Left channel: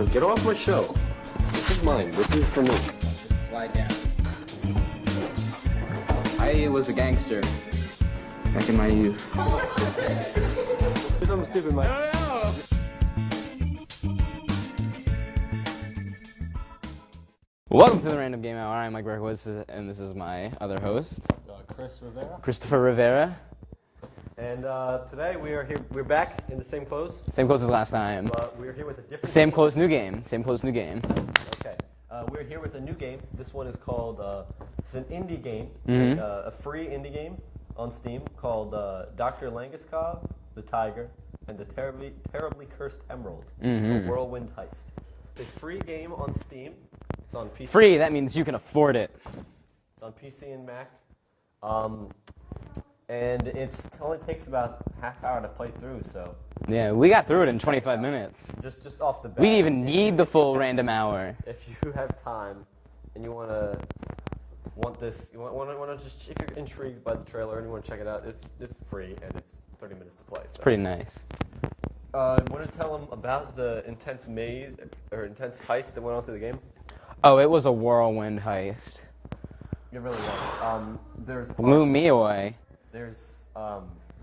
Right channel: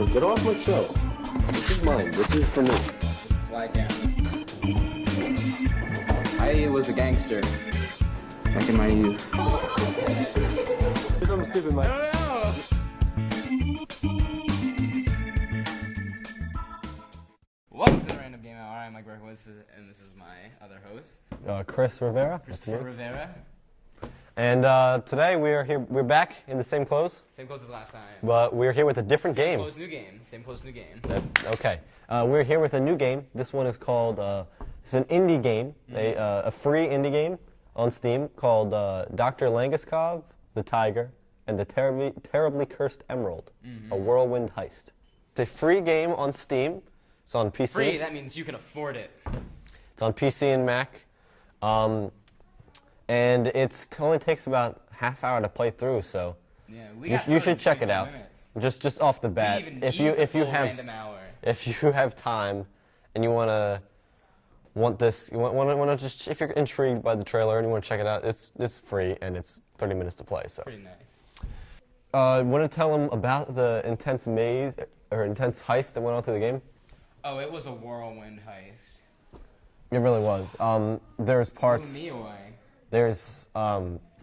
No, get off my show. This is mine. This is for me. Just slide down. I was a gangster back in my youth. Do something stupid, Mike. I don't know. Welcome to the Random Game Hour. I'm Mike Berkowitz, and this is my other host, Chris Rivera. Christopher Rivera. And today we are here. We're back in the same clothes, Same clothes as last time. but we're here with a different Same game. clothes, new game. Same clothes, new game. Okay. We're here with a new game. This one is called. It's an indie game, a free indie game on Steam called Dr. Langeskov, the Tiger, and the Terribly Cursed Emerald, a whirlwind heist. It's a free game on Steam. It's on PC. Free, that means you can afford it. It's on PC and Mac. And it only takes about half hour to play through, so Yeah, we got you through it should in check it 25 out. minutes. just off the bat. We didn't even if need you- the if you full have- random hour. If you have time and you want this, you want to just, if you're intrigued by the trailer and you want to check it out, it's free and it's 30 minutes to play. So. Pretty nice. Want to tell them about the intense maze or intense heist that went on through the game? Oh, it was a whirlwind heist. It really was. There's parts. Blew me away. There's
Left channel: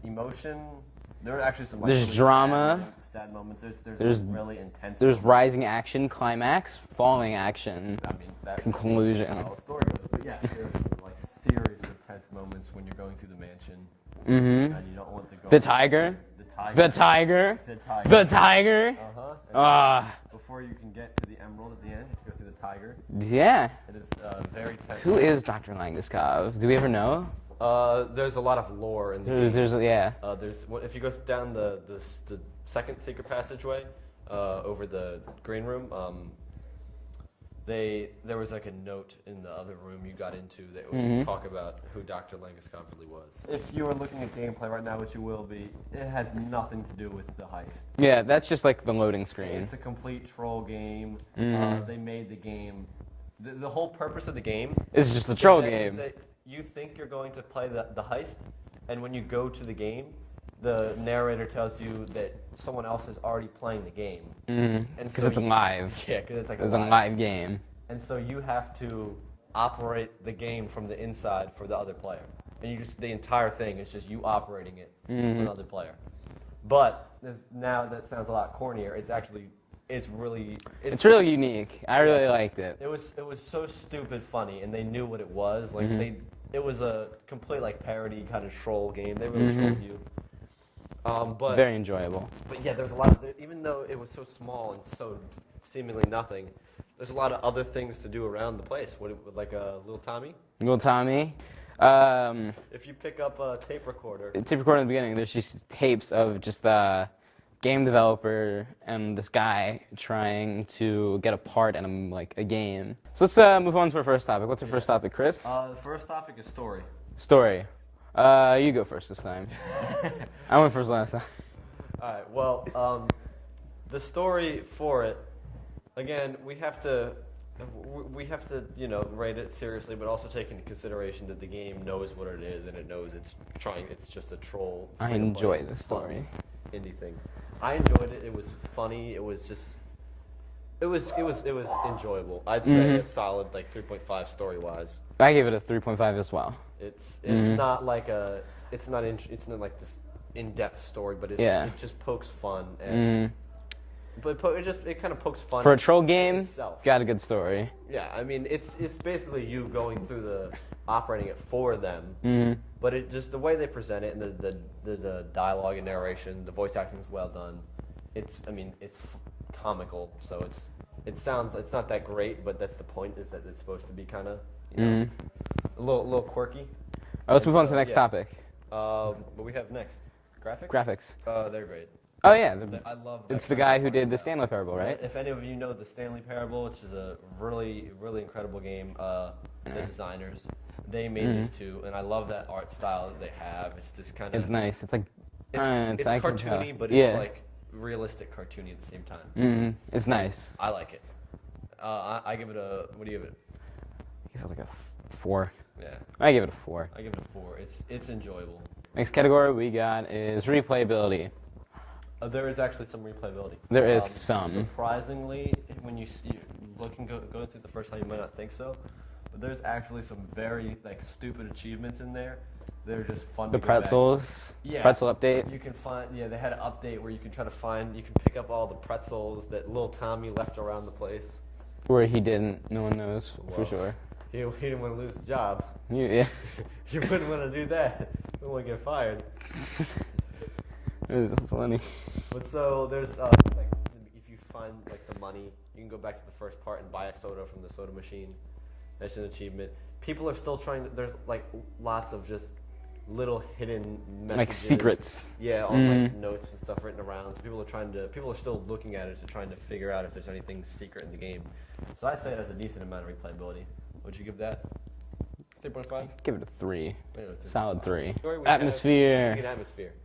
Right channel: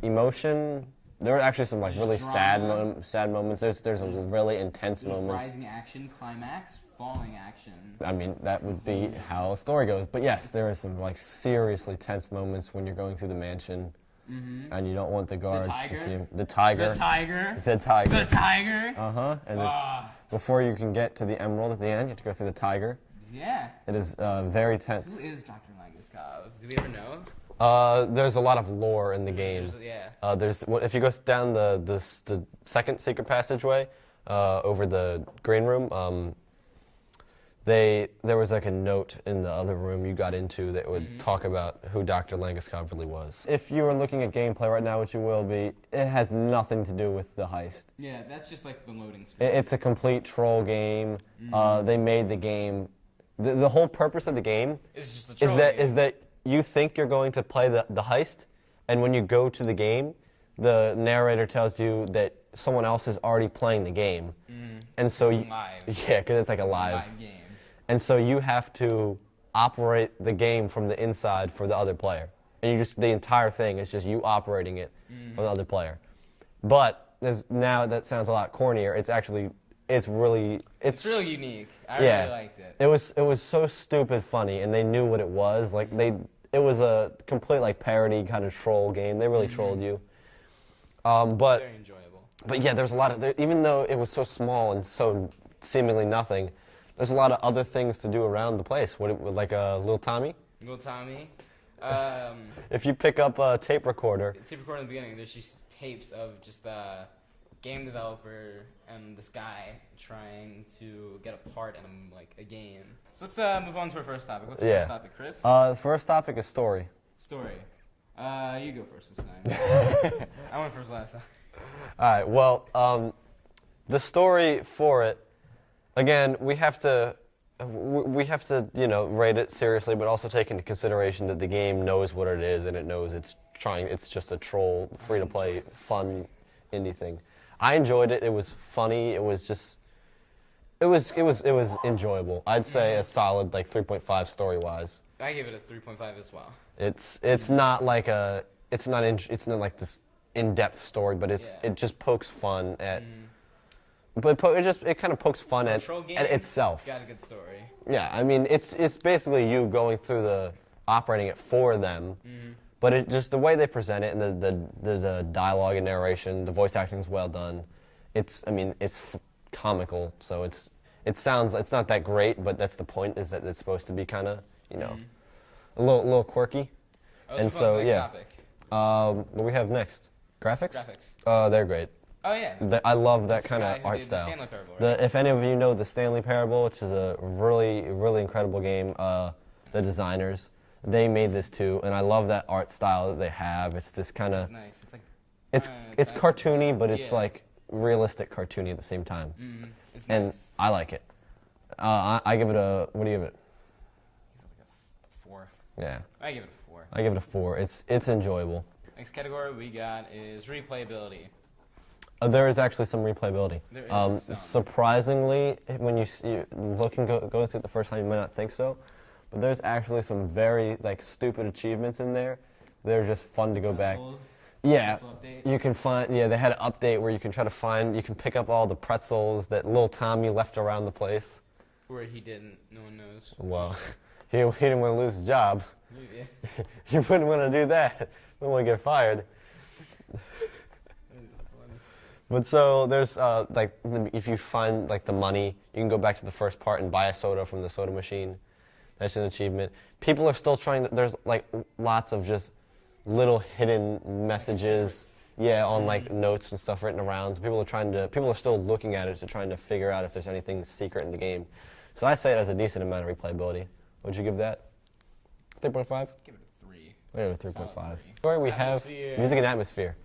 emotion. There are actually some like There's really drama. sad moments. There's There's- really intense. There's moments. rising action, climax, falling action. I mean, that was Conclusion. how the story goes. But yes, there are some like seriously tense moments when you're going through the mansion, and you don't want the guards tiger? to see him. The tiger. The tiger. The tiger. The tiger. And Ah, before you can get to the emerald at the end, you have to go through the tiger. yeah. It is very tense. Who is Dr. Langeskov? Do we ever know? There's a lot of lore in the game. Yeah. If you go down the second secret passageway over the green room, there was like a note in the other room you got into that would talk about who Dr. Langeskov really was. If you were looking at gameplay right now, which you will be, it has nothing to do with the heist. Yeah, that's just like the loading screen. It's a complete troll game. They made the game. The whole purpose of the game It's just a troll game. is that you think you're going to play the heist, and when you go to the game, the narrator tells you that someone else is already playing the game. And so it's live. Yeah, because it's like It's a live. game. And so you have to operate the game from the inside for the other player. And the entire thing is just you operating it with the other player. But now that sounds a lot cornier. It's really unique. I really liked it. It was so stupid funny, and they knew what it was. Like it was a complete like parody kind of troll game. They really trolled you. But Very enjoyable. but yeah, there's a lot of even though it was so small and so seemingly nothing, there's a lot of other things to do around the place. Like a little Tommy? Little Tommy. If you pick up a tape recorder, Tape recorder in the beginning, there's just tapes of just the game developer and this guy trying to get a part in a game. So let's move on to our first topic. What's our first topic, Chris? the first topic is story. Story. You go first this time. I went first last time. All right. Well, the story for it, again, we have to rate it seriously, but also take into consideration that the game knows what it is and it knows it's just a troll, free to play, enjoyed the fun story. indie thing. I enjoyed it. It was funny. It was enjoyable. I'd say a solid 3.5 story wise. I gave it a 3.5 as well. It's not like like this in-depth story, but it just pokes fun at. But it kind of pokes fun For a at, troll at game, itself. got a good story. Yeah, I mean it's basically you going through operating it for them. But it just the way they present it and the dialogue and narration, the voice acting is well done. It's comical, so it's not that great, but that's the point, is that it's supposed to be kind of a little quirky. Let's And move on to so, the next yeah. topic. What do we have next? Graphics? Graphics. They're great. Oh yeah. I love that It's the kind of guy who art did the style. Stanley Parable, right? If any of you know the Stanley Parable, which is a really, really incredible game, the designers, they made this too, and I love that art style that they have. It's this kind of It's nice. It's like it's I can cartoony, tell. but it's Yeah. like realistic cartoony at the same time. It's And nice. I like it. I give it a. What do you give it? I give it like a 4. Yeah, I give it a 4. I give it a 4. It's enjoyable. Next category we got is replayability. There is actually some replayability. There is some. Surprisingly, when you look and go through it the first time, you might not think so, but there's actually some very like stupid achievements in there. They're just fun The to go back. pretzels. Yeah. Pretzel update. You can find, yeah, they had an update where you can try to find, you can pick up all the pretzels that little Tommy left around the place. Where he didn't. No one knows Well, for sure. He didn't want to lose his job. Yeah. You wouldn't want to do that. You wouldn't want to get fired. It was funny. But so there's like if you find like the money, you can go back to the first part and buy a soda from the soda machine. That's an achievement. People are still trying to. There's like lots of just little hidden messages, secrets. Yeah, on like notes and stuff written around. So people are still looking at it to trying to figure out if there's anything secret in the game. So I say it has a decent amount of replayability. Would you give that 3.5? Give it a 3. Solid 3. Story we Atmosphere. have music and atmosphere.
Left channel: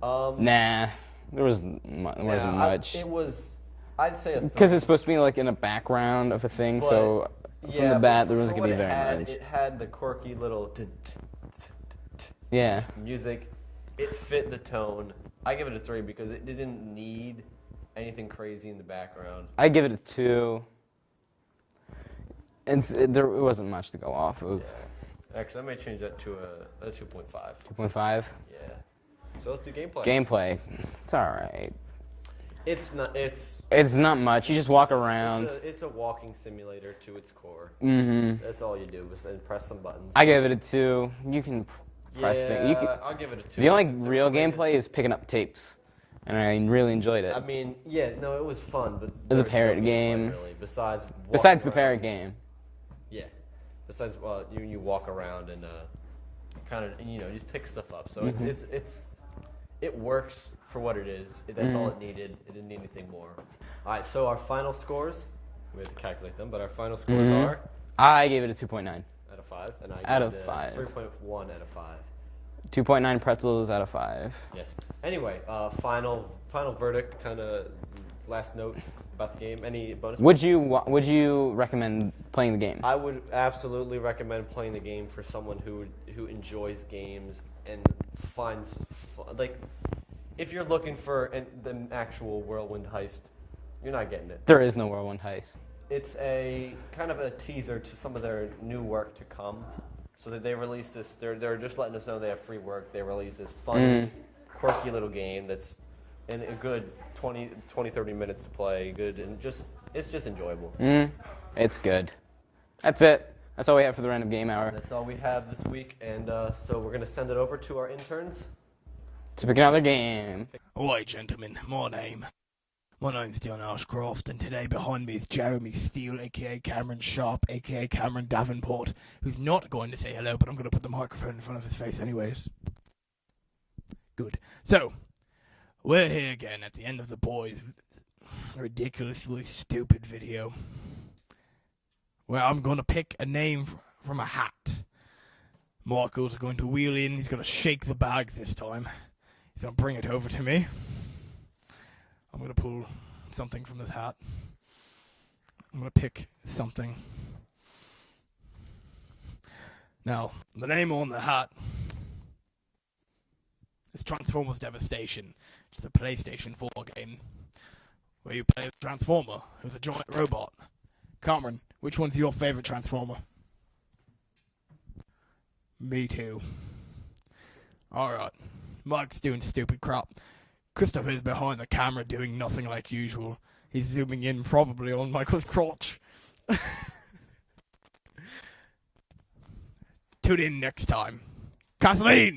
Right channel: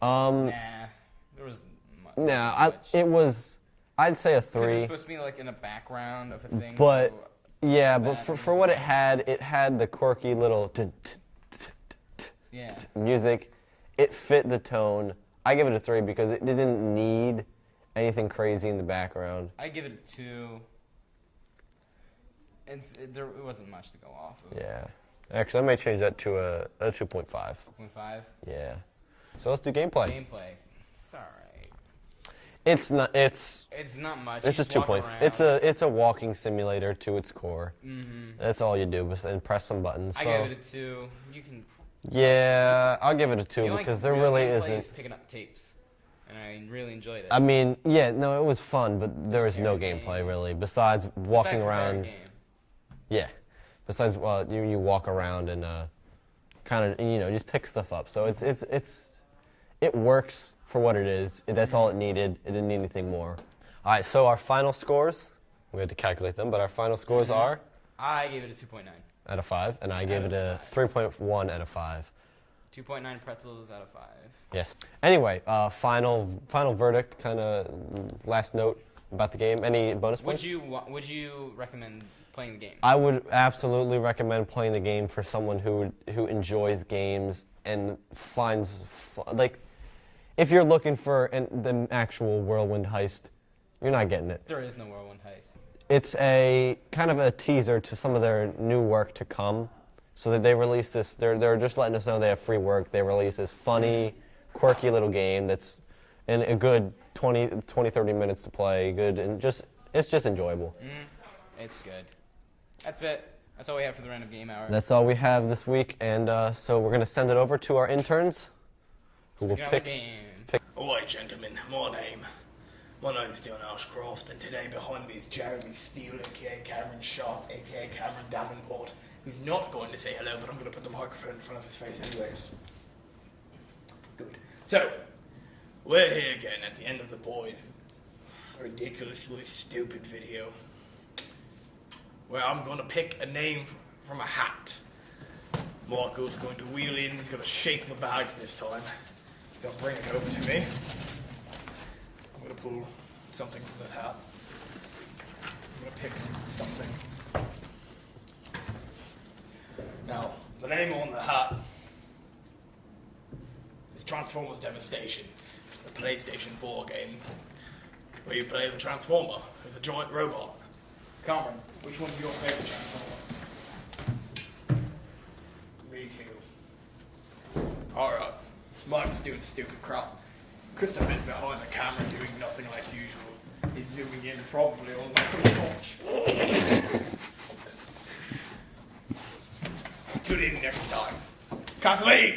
Nah. There wasn't much. It was. I'd say a 3. Because it's supposed to be like in a background of a thing, But- so Yeah, from the but bat, there for wasn't what gonna it be very had, much. it had the quirky little yeah. music. It fit the tone. I give it a 3 because it didn't need anything crazy in the background. I give it a 2. There wasn't much to go off of. Yeah. Actually, I might change that to a 2.5. 2.5. Yeah. So let's do gameplay. Gameplay. It's alright. It's not. It's not much. You it's just a walk 2.5. around. It's a walking simulator to its core. Mm-hmm. That's all you do, and press some buttons. I So- give it a 2. You can. Yeah, I'll give it a 2. The only because there real really gameplay isn't. is picking up tapes, and I really enjoyed it. I mean, yeah, no, it was fun, but there was no parrot gameplay game. really. Besides walking Besides the around. parrot game. Yeah. Besides, you walk around and kind of just pick stuff up. So it works for what it is. That's all it needed. It didn't need anything more. All right. So our final scores, we had to calculate them, but our final scores are I gave it a 2.9. out of 5, and I Out give it of a 5. 3.1 out of 5. 2.9 pretzels out of 5. Yes. Anyway, final verdict, kind of last note about the game. Any bonus? Would you recommend playing the game? I would absolutely recommend playing the game for someone who enjoys games and finds like if you're looking for the actual Whirlwind Heist, you're not getting it. There is no Whirlwind Heist. It's a kind of a teaser to some of their new work to come. So that they released this, they're just letting us know they have free work. They released this funny, quirky little game that's in a good 20, 30 minutes to play. Good and it's just enjoyable. It's good. That's it. That's all we have for the random game hour. That's all we have this week, and so we're gonna send it over to our interns. To pick another game. Alright, gentlemen, my name's Dion Ashcroft, and today behind me is Jeremy Steele, aka Cameron Sharp, aka Cameron Davenport, who's not going to say hello, but I'm going to put the microphone in front of his face anyways. Good. So, we're here again at the end of the boys' ridiculously stupid video, where I'm going to pick a name from a hat. Michael's going to wheel in, he's going to shake the bag this time. He's going to bring it over to me. I'm going to pull something from this hat. I'm going to pick something. Now, the name on the hat is Transformers Devastation. It's a PlayStation 4 game where you play as a Transformer, who's a giant robot. Cameron, which one's your favorite Transformer? Me too. Alright, Mike's doing stupid crap. Christopher's behind the camera doing nothing like usual. He's zooming in probably on Michael's crotch. Tune in next time. Kathleen!